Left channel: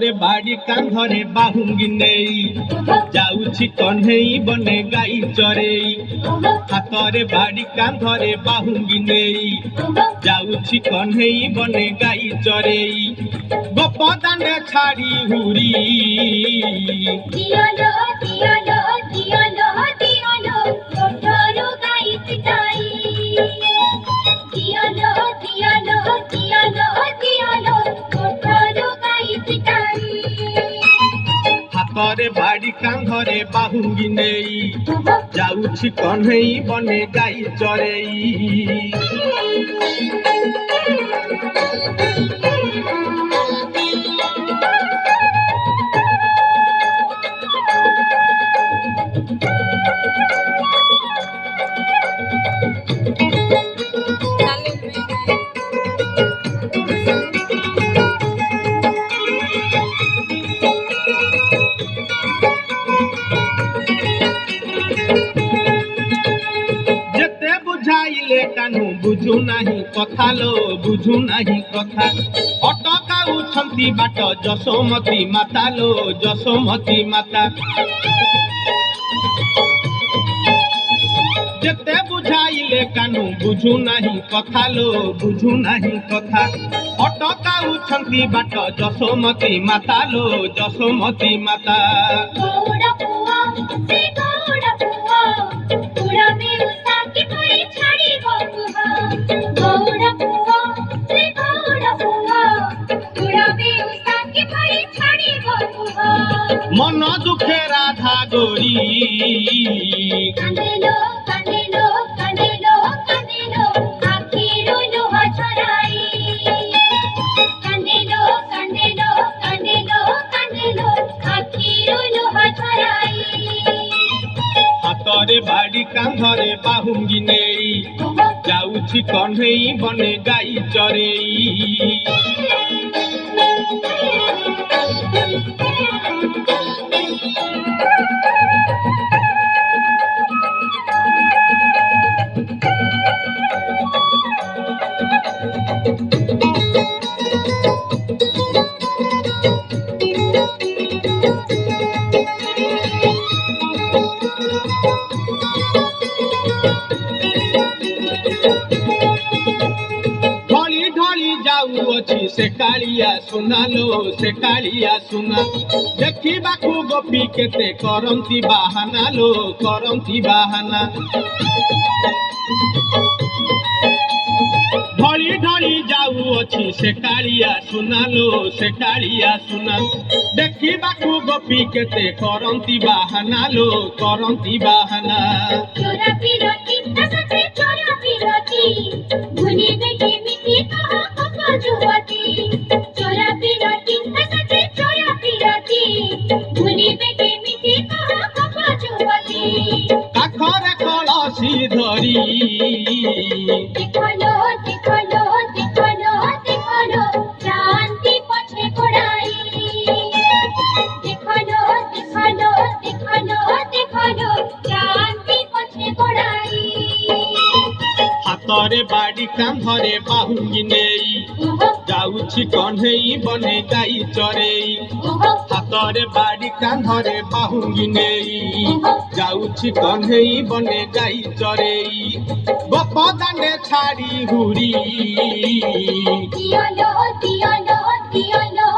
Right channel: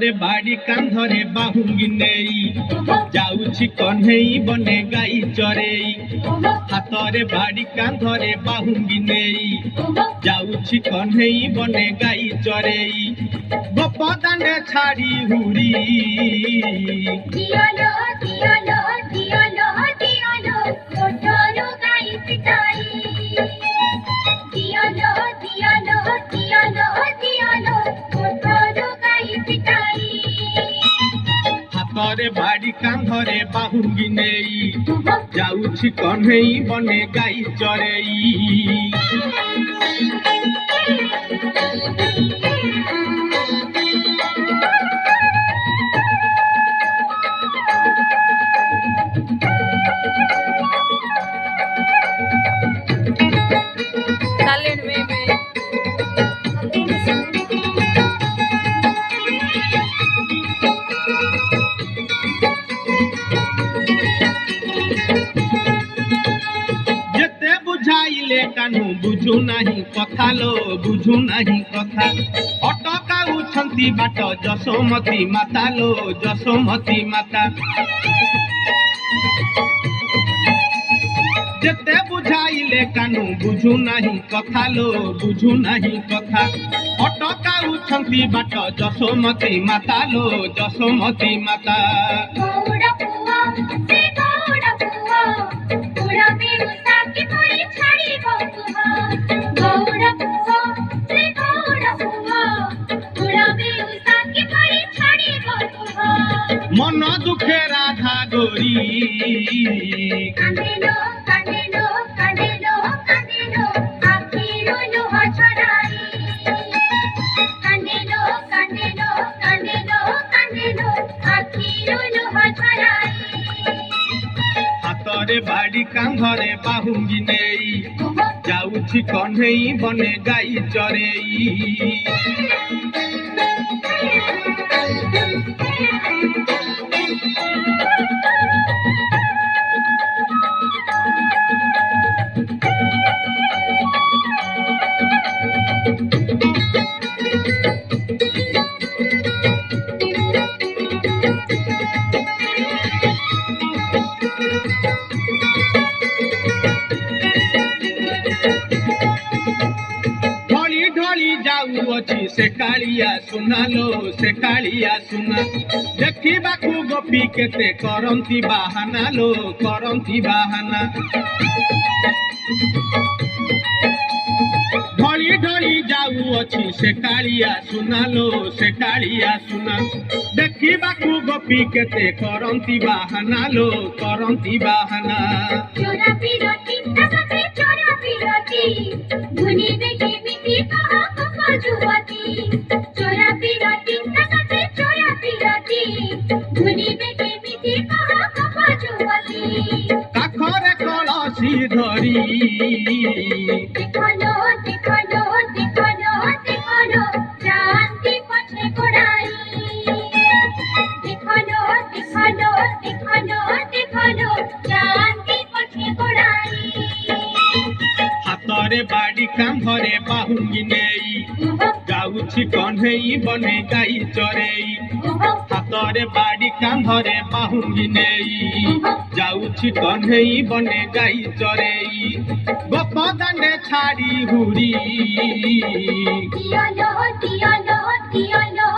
ହାତରେ ବାଡ଼ି କାନ୍ଧରେ ବାହୁଙ୍ଗି ନେଇ ଯାଉଛି କହ୍ନେଇ ବନେ ଗାଈ ଚରେଇ। ହାତରେ ବାଡ଼ି କାନ୍ଧରେ ବାହୁଙ୍ଗି ନେଇ ଯାଉଛି କହ୍ନେଇ ବନେ ଗାଈ ଚରେଇ। ଗୋପ ଦାଣ୍ଡେ ଛାଡ଼ି ହୁରି ଦିଅଲୋ ଦିଅଲୋ ଦିଅଲୋ ଦିଅଲୋ ଗୋଠରୁ ଗାଈ ପିଟାଇ। ଦିଅଲୋ ଦିଅଲୋ ଦିଅଲୋ ଦିଅଲୋ ଗୋଠରୁ ଗାଈ ପିଟାଇ। ହାତରେ ବାଡ଼ି କାନ୍ଧରେ ବାହୁଙ୍ଗି ନେଇ ଯାଉଛି କହ୍ନେଇ ବନେ ଗାଈ ଚରେଇ। ଯେତେ ବୁଝାଇଲେ କାହ୍ନୁ ବୁଝୁ ନାହିଁ କଥା ଲୋ ବୁଝୁ ନାହିଁ କଥା। ଅଟକାଉଛନ୍ତି ବାଟ ଯଶୋମତୀ ମାତା ଲୋ ଯଶୋମତୀ ମାତା। ଯେତେ ବୁଝାଇଲେ କାହ୍ନୁ ବୁଝୁ ନାହିଁ କଥା ଲୋ ବୁଝୁ ନାହିଁ କଥା। ଅଟକାଉଛନ୍ତି ବାଟ ଯଶୋମତୀ ମାତା ଲୋ ଯଶୋମତୀ ମାତା। ଗୌଡ଼ ପୁଅ ସେ ଗୌଡ଼ ପୁଅ ବୁଢ଼ା ବେଉସା କିପରି ଛାଡ଼ିବ କୁହ। ଗୌଡ଼ ପୁଅ ସେ ଗୌଡ଼ ପୁଅ ବୁଢ଼ା ବେଉସା କିପରି ଛାଡ଼ିବ କୁହ। ମନ ଦୁଃଖେ ରାଧା ଗୋରୀ କାନ୍ଦିଲୋ କାନ୍ଦିଲୋ କାନ୍ଦିଲୋ କାନ୍ଦିଲୋ ଆଖିରୁ ଲୁହ ଝରାଇ। କାନ୍ଦିଲୋ କାନ୍ଦିଲୋ କାନ୍ଦିଲୋ କାନ୍ଦିଲୋ ଆଖିରୁ ଲୁହ ଝରାଇ। ହାତରେ ବାଡ଼ି କାନ୍ଧରେ ବାହୁଙ୍ଗି ନେଇ ଯାଉଛି କହ୍ନେଇ ବନେ ଗାଈ ଚରେଇ। ढଳି ढଳି ଯାଉଅଛି ସେ କାଳିଆ ସୁନା ଲୋ ସେ କାଳିଆ ସୁନା। ଦେଖିବାକୁ ଗୋପୀ କେତେ କରନ୍ତି ବାହାନା ଲୋ କରନ୍ତି ବାହାନା। ढଳି ढଳି ଯାଉଅଛି ସେ କାଳିଆ ସୁନା ଲୋ ସେ କାଳିଆ ସୁନା। ଦେଖିବାକୁ ଗୋପୀ କେତେ କରନ୍ତି ବାହାନା ଲୋ କରନ୍ତି ବାହାନା। ଚୋରା ବିରତି ତା ସାଥେ ଚୋରା ବିରତି ଭୁଲିବେ କେମିତି କହ କପ ଯୁବତୀ। ଚୋରା ବିରତି ତା ସାଥେ ଚୋରା ବିରତି ଭୁଲିବେ କେମିତି କହ କପ ଯୁବତୀ। କାଖରେ କଳସି ଧରି ଦେଖଲୋ ଦେଖଲୋ ଦେଖଲୋ ଦେଖଲୋ କ୍ରାନ୍ତି ପଛେ ଗୋଡ଼ାଇ। ଦେଖଲୋ ଦେଖଲୋ ଦେଖଲୋ ଦେଖଲୋ କ୍ରାନ୍ତି ପଛେ ଗୋଡ଼ାଇ। ହାତରେ ବାଡ଼ି କାନ୍ଧରେ ବାହୁଙ୍ଗି ନେଇ ଯାଉଛି କହ୍ନେଇ ବନେ ଗାଈ ଚରେଇ। ହାତରେ ବାଡ଼ି କାନ୍ଧରେ ବାହୁଙ୍ଗି ନେଇ ଯାଉଛି କହ୍ନେଇ ବନେ ଗାଈ ଚରେଇ। ଗୋପ ଦାଣ୍ଡେ ଛାଡ଼ି ହୁରି ଦିଅଲୋ ଦିଅଲୋ ଦିଅଲୋ